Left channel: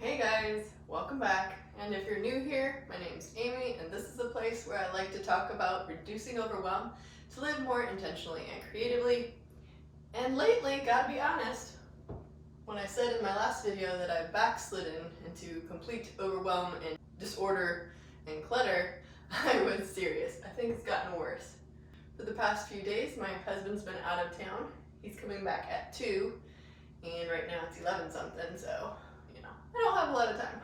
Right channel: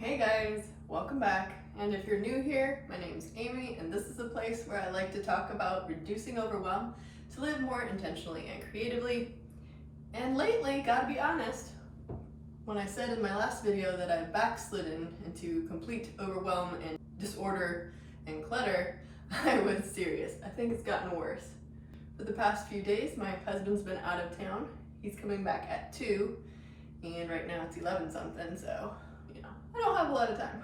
Hey guys, welcome back. And if you're new here, my name's Amy, and this is the place where I like to talk about reducing overwhelm to live more intentionally and creatively. And lately, gotta be honest, when I said in my last video that I backslidden into complete overwhelm and disorder and clutter, I was serious. I think it's gotten worse. For the past few days, my husband's been out of town. He's coming back at 2, and right now it's 11 something, so I don't have a lot of time.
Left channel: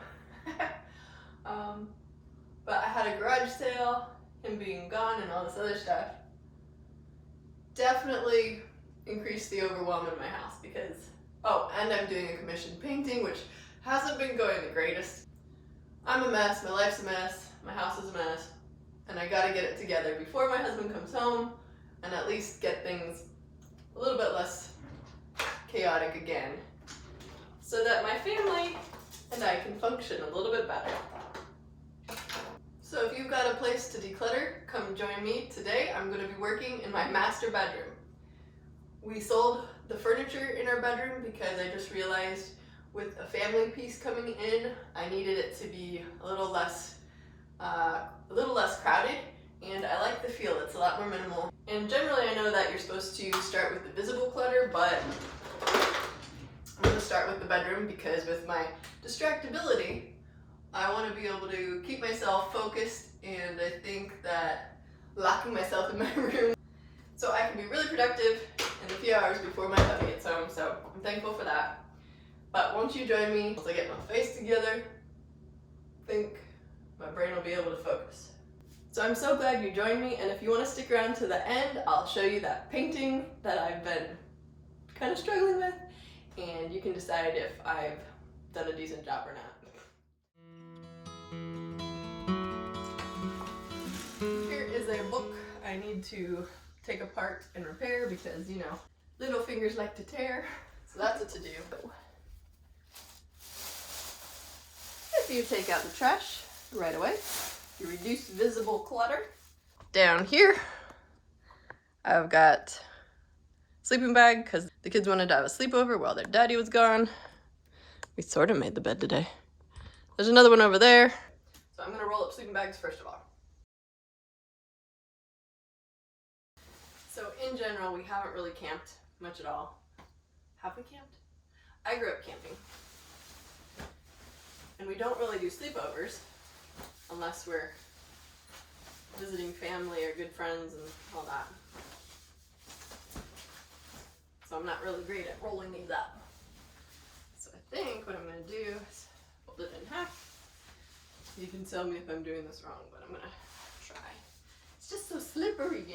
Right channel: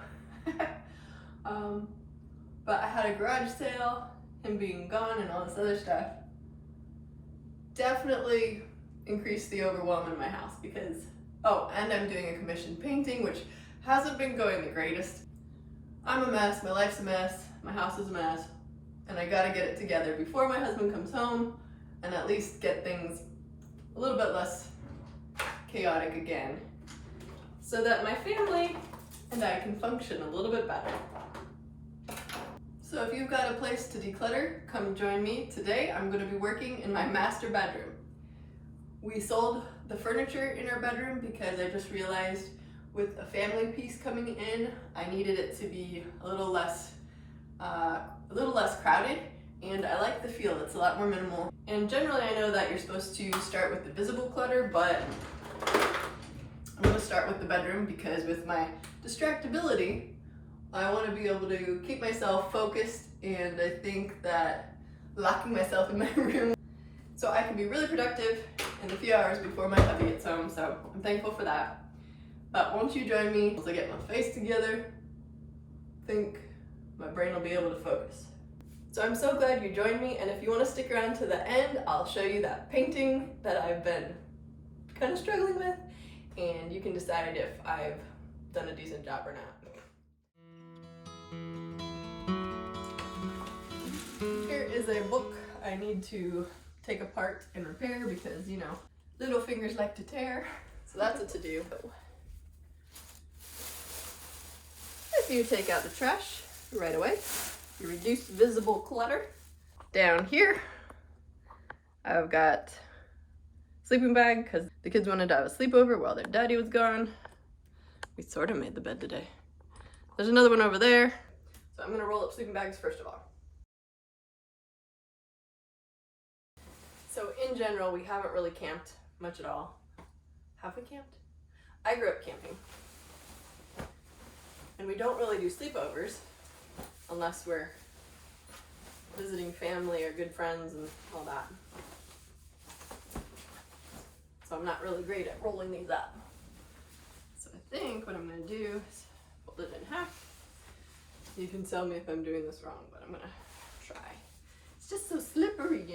But I had a garage sale, him being gone and all this other stuff definitely increased the overwhelm in my house because, and I'm doing a commissioned painting, which hasn't been going the greatest. I'm a mess, my life's a mess, my house is a mess, and I gotta get it together before my husband comes home and at least get things a little bit less chaotic again so that my family and I can function a little bit better. So if you've got a place to declutter, come join me. Today I'm going to be working in my master bedroom. We sold the furniture in our bedroom because I just realized with a family piece coming in, I needed it to be a little less crowded, and I like the feel. It's a lot more minimal. And generally I know that you're supposed to start with the visible clutter, but I'm going to start with the bedroom because with my distractibility, I want to be able to keep myself focused, and I think that locking myself in my room so I can be really productive in the few hours before my hubby gets home, so I'm thankful for that. But won't you join me as I get my face together? I think my brain will be able to focus. So I'm so glad you joined me, and if you want to stick around to the end, I'll show you that painting that I've been kind of struggling with, and you can decide if I've done a decent job or not. Here is a book I need to take apart and repair because, little fingers like to tear. So that's a to-do. If you take out the trash right away, you reduce visible clutter. Down here, I've got sleeping bag because the kids wanted to have a sleepover while their daddy was gone. We sort of made the bed today. There's another one over there. So I'm gonna roll up sleeping bags first of all. So in general, we haven't really camped much at all. Have we camped? I grew up camping. And we don't really do sleepovers unless we're visiting family or good friends and all that. So I'm not really great at rolling these up. So I think what I'm going to do is fold it in half. You can tell me if I'm doing this wrong, but I'm going to try. It's just so slippery,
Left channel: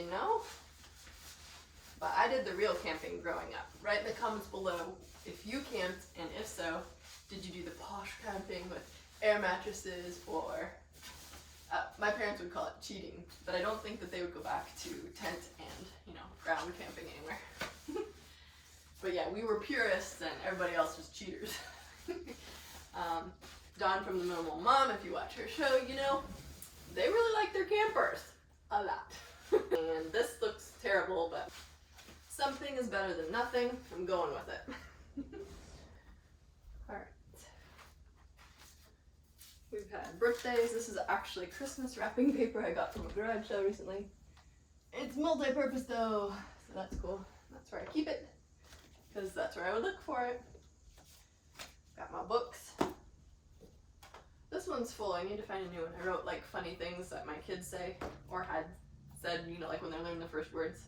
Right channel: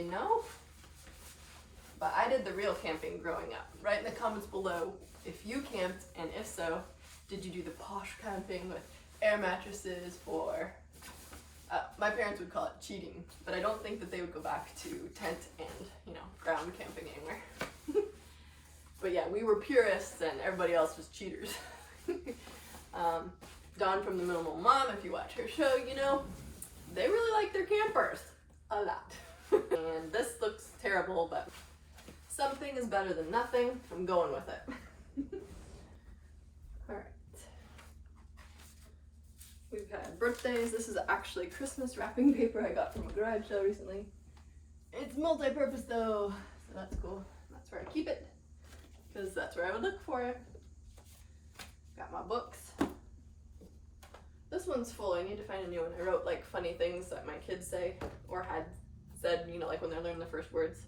But I did the real camping growing up. Write in the comments below if you camped, and if so, did you do the posh camping with air mattresses, or my parents would call it cheating, but I don't think that they would go back to tent and, ground camping anywhere. But yeah, we were purists and everybody else was cheaters. Dawn from the Minimal Mom, if you watch her show, they really like their campers a lot. And this looks terrible, but something is better than nothing. I'm going with it. All right. We've had birthdays. This is actually Christmas wrapping paper I got from a garage sale recently. It's multi-purpose though, so that's cool. That's where I keep it, because that's where I would look for it. Got my books. This one's full. I need to find a new one. I wrote funny things that my kids say or had said, like when they're learning the first words.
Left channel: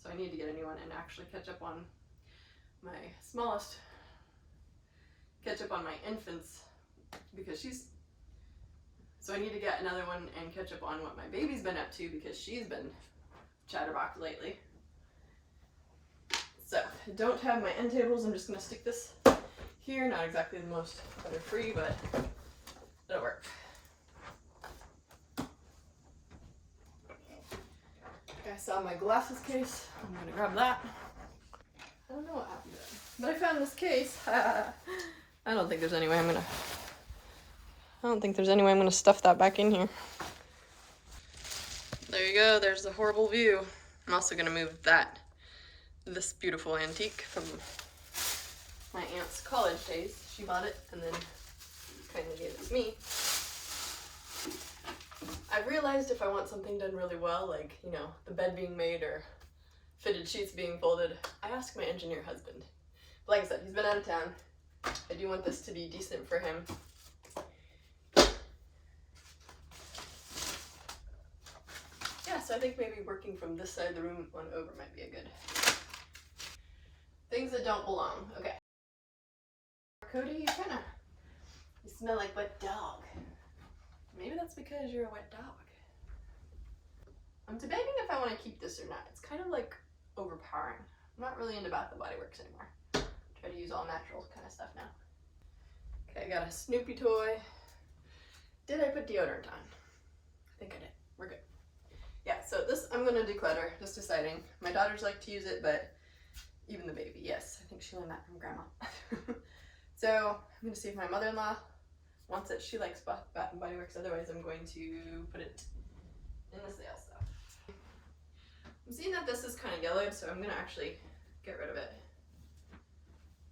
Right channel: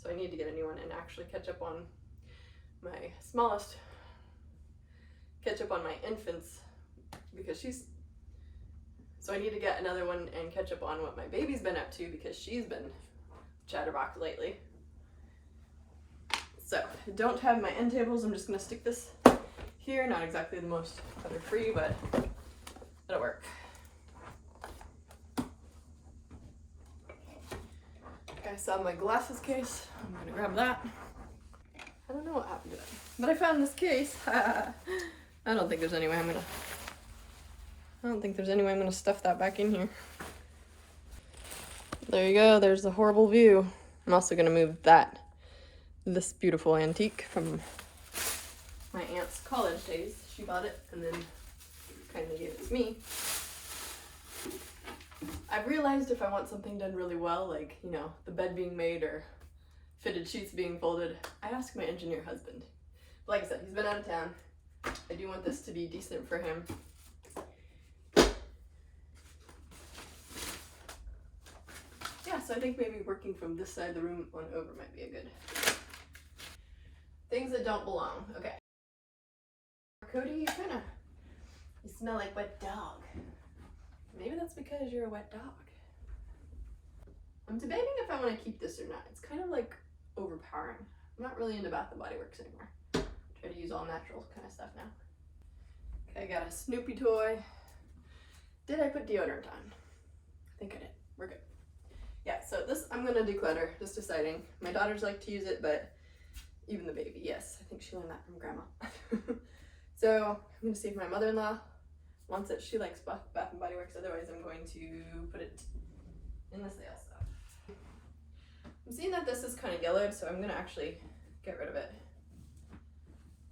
So I need to get a new one and actually catch up on my smallest, catch up on my infants, because so I need to get another one and catch up on what my baby's been up to, because she's been chatterbox lately. So I don't have my end tables. I'm just gonna stick this here. Not exactly the most clutter-free, but it'll work. I saw my glasses case. I'm gonna grab that. I don't know what happened to it, but I found this case. I don't think there's any way I'm gonna stuff that back in here. There you go. There's the horrible view. I'm also gonna move this beautiful antique from my aunt's college days. She bought it and then kindly gave it to me. I've realized if I want something done really well, like, you know, the bed being made or fitted sheets being folded, I ask my engineer husband. But like I said, he's been out of town. I do want this to be decent for him. Yeah, so I think maybe working from this side of the room on over might be a good. Things that don't belong. Okay. Cody, you smell like wet dog. Maybe that's because you're a wet dog. I'm debating if I want to keep this or not. It's kind of like overpowering. I'm not really into Bath and Body Works anymore. Try to use all natural kind of stuff now. Okay, I got a Snoopy toy. Did I put deodorant on? I think I did. We're good. Yeah, so this I'm gonna declutter, just deciding. My daughters like to use it, but even the baby, yes. I think she learned that from grandma. So I'm gonna see if my mother-in-law wants it. She likes Bath and Body Works, otherwise I'm going to put it in the sale stuff. I'm seeing that this is kind of yellowed, so I'm gonna actually get rid of it.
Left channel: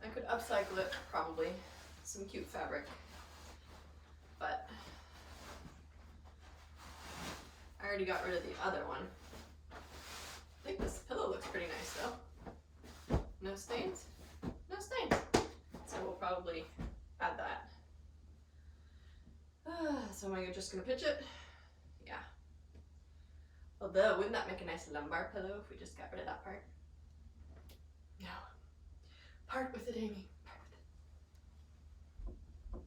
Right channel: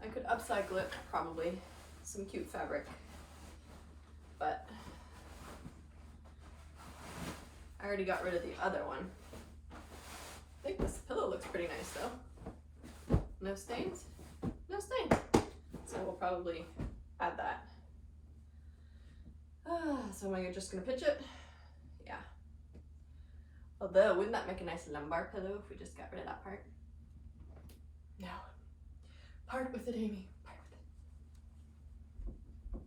I could upcycle it, probably. Some cute fabric, but I already got rid of the other one. I think this pillow looks pretty nice though. No stains? No stains. So we'll probably add that. So am I just gonna pitch it? Yeah. Although, wouldn't that make a nice lumbar pillow if we just got rid of that part? No. Part with it, Amy. Part with it.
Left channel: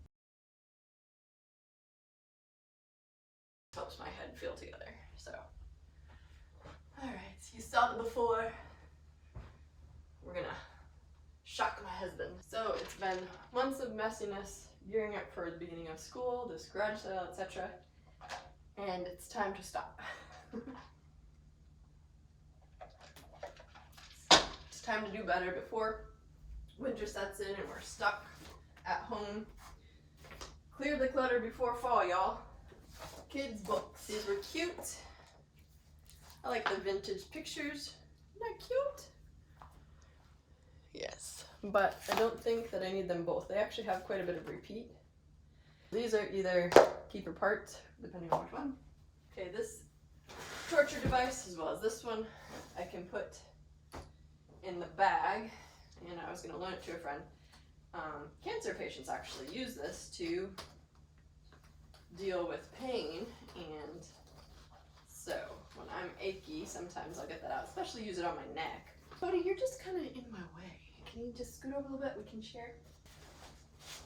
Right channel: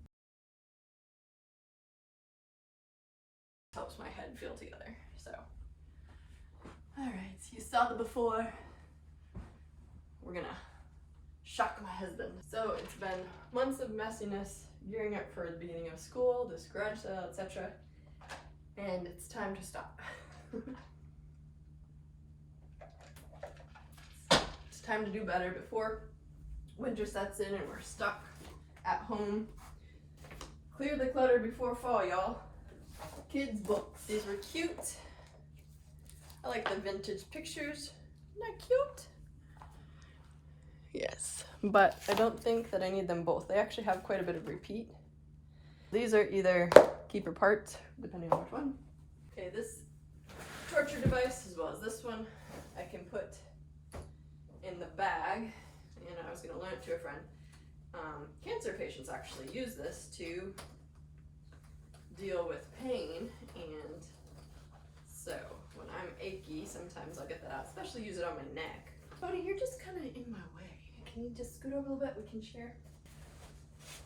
Helps my head feel together, so. Alright, so you saw it before. We're gonna shock my husband. So it's been months of messiness gearing up for the beginning of school, this garage sale, etc. And it's time to stop. It's time to do better before winter sets in and we're stuck at home. Clear the clutter before fall, y'all. Kids' books. These were cute. I like the vintage pictures. Isn't that cute? Yes, but I don't think that I need them both. They actually have quite a bit of repeat. These are either keeper parts, depending on which one. Okay, this torture device, as well as this one, I can put in the bag, and I was going to loan it to a friend. Cancer patients actually use this to deal with pain, and so when I'm achy, sometimes I'll get that out, especially use it on my neck. Cody, you're just kind of in my way. Can you just scoot over a little bit? We can share.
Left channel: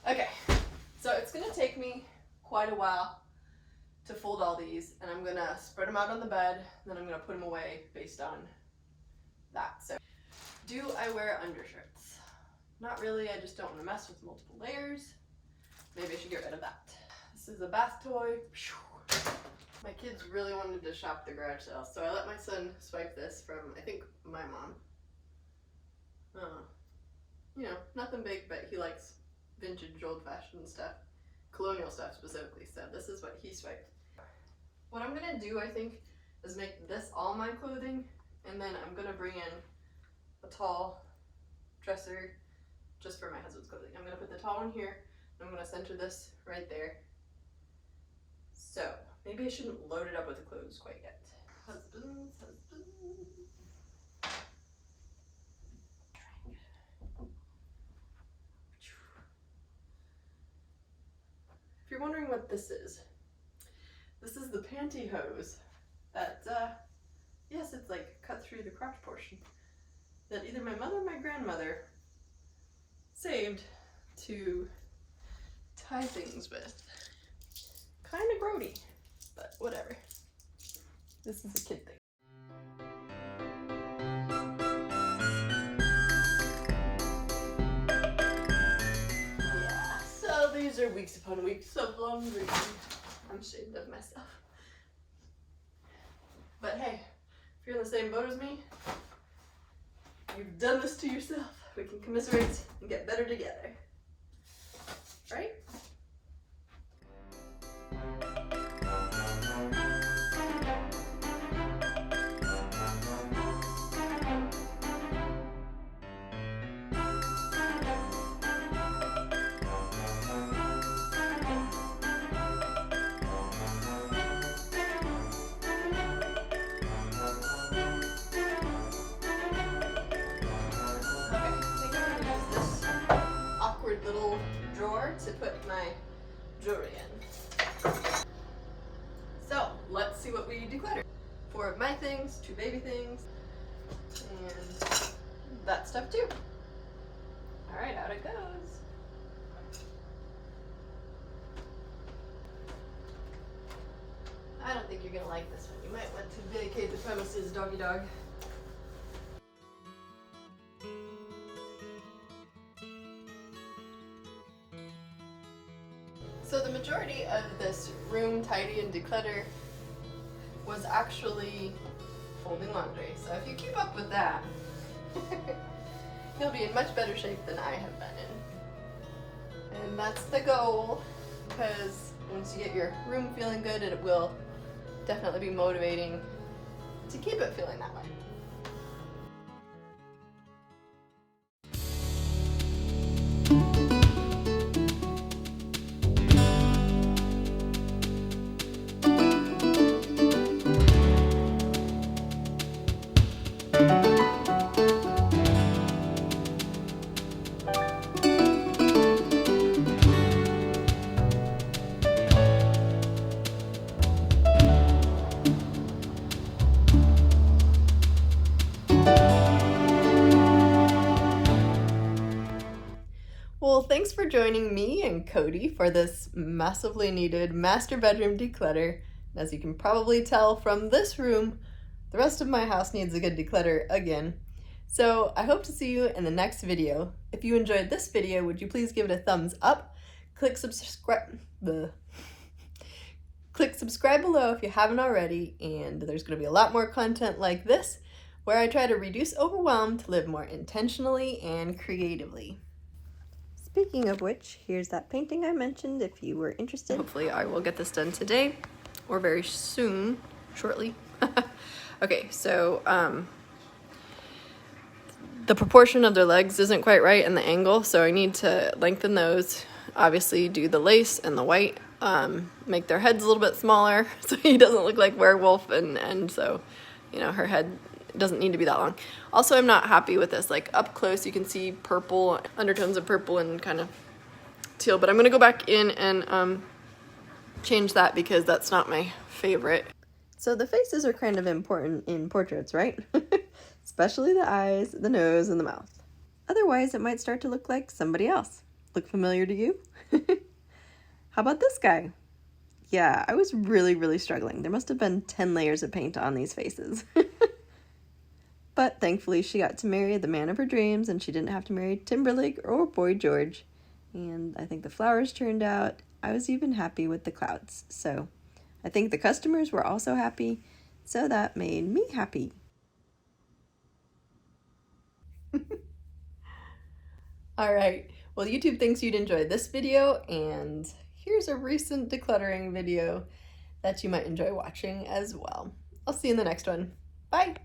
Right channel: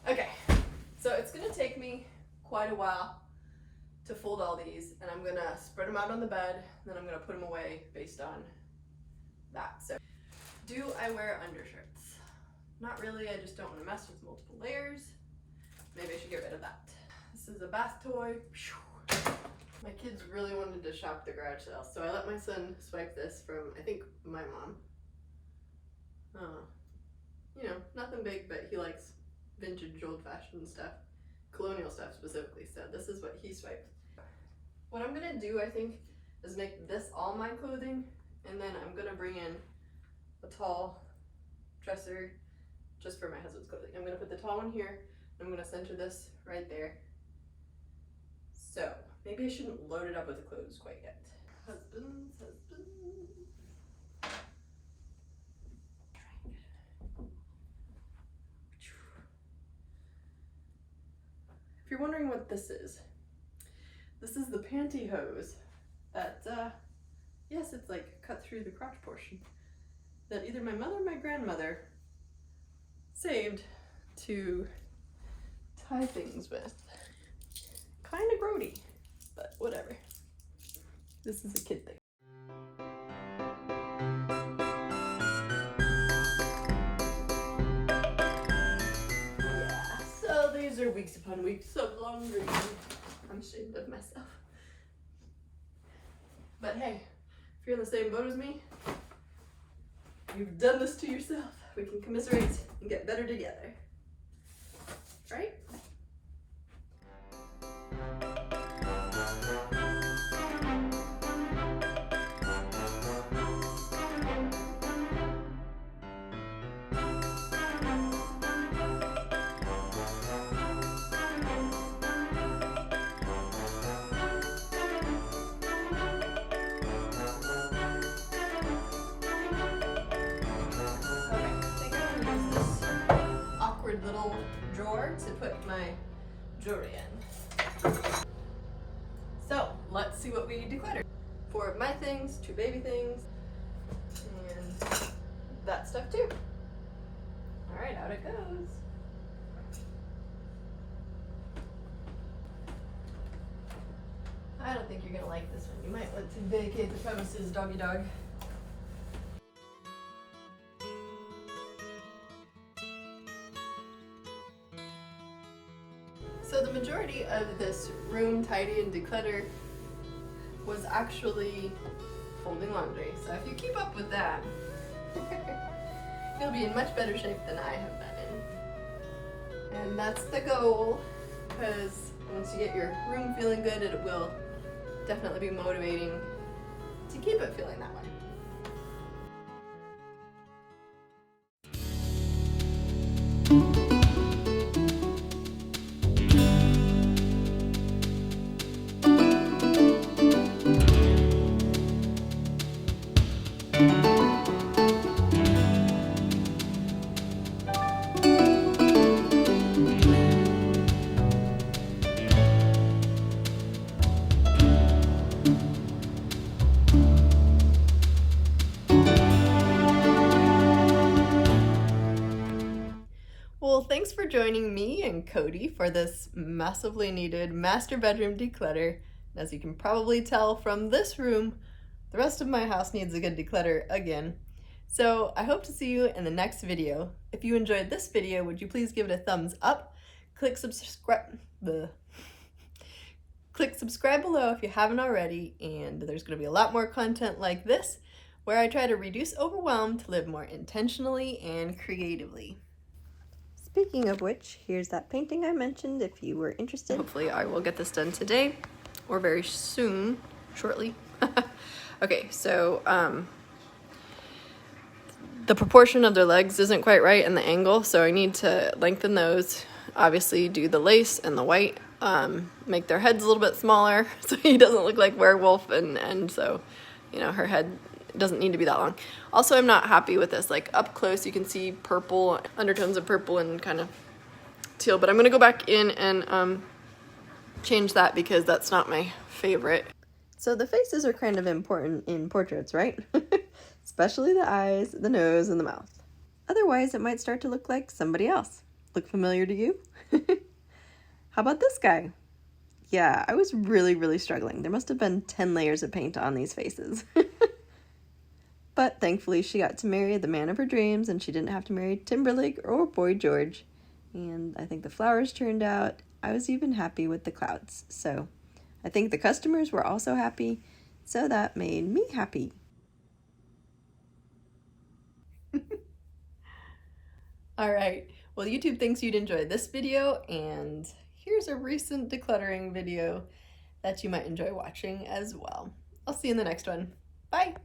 Okay, so it's gonna take me quite a while to fold all these, and I'm gonna spread them out on the bed, then I'm gonna put them away based on that. So, do I wear undershirts? Not really, I just don't want to mess with multiple layers. Maybe I should get rid of that. This is a bath toy. My kids really wanted to shop the garage sale, so I let my son swipe this from, I think, my mom. You know, nothing big, but he likes vintage, old-fashioned stuff, colonial stuff specifically, so this is what he swiped. What I'm gonna do, I think, is make this all my clothing, and then I'm gonna bring in a tall dresser just for my husband's clothing. I'm gonna put the tall one here, and I'm gonna center this right there. So, maybe I shouldn't load it up with the clothes quite yet. Husbands. If you're wondering what this is the pantyhose that, yes, it's like cut through the crotch portion, that either my mother or my grandmother saved to tie things with. Kind of grody, but whatever. This is a kid thing. Yeah, so these are weeks upon weeks of laundry. I'm ashamed of myself. But hey, if you're in the same boat as me, you've done this to yourself. We can commiserate and get better together. Right? drawer to put my jewelry in. So let's see what we declutter. 4 of my things, 2 baby things, and that stuff too. All right, out it goes. I don't think you're gonna like this one. You might want to vacate the premises, doggy dog. So the majority of this room tidy and declutter was actually folding laundry. So if you keep up with that, you'll be in much better shape than I have been in. And that's the goal, because once you get your room feeling good, it will definitely be motivating to keep it feeling that way. Well, thanks for joining me and Cody for this massively needed master bedroom declutter. As you can probably tell from this room, the rest of my house needs a good declutter again. So I hope to see you in the next video. If you enjoyed this video, would you please give it a thumbs up? Click subscribe below if you haven't already, and there's going to be a lot more content like this where I try to reduce overwhelm to live more intentionally and creatively. Speaking of which, here's that painting I mentioned if you were interested. Hopefully I will get this done today or very soon, shortly. Okay, so the proportion of their legs isn't quite right and the angle, so I need to lengthen those. Obviously do the lace and the white, make their heads a little bit smaller so he doesn't look like werewolf, and so, you know, her head doesn't need to be that long. Also, I'm not happy with this. Like up close you can see purple, undertones of purple and kind of teal, but I'm gonna go back in and change that because that's not my favorite. So the faces are kind of important in portraits, right? Especially the eyes, the nose, and the mouth. Otherwise it might start to look like somebody else. Look familiar to you? How about this guy? Yeah, I was really struggling. There must have been 10 layers of paint on these faces. But thankfully she got to marry the man of her dreams and she didn't have to marry Timberlake or Boy George. And I think the flowers turned out. I was even happy with the clouds. So I think the customers were also happy. So that made me happy. All right. Well, YouTube thinks you'd enjoy this video, and here's a recent decluttering video that you might enjoy watching as well. I'll see you in the next one. Bye.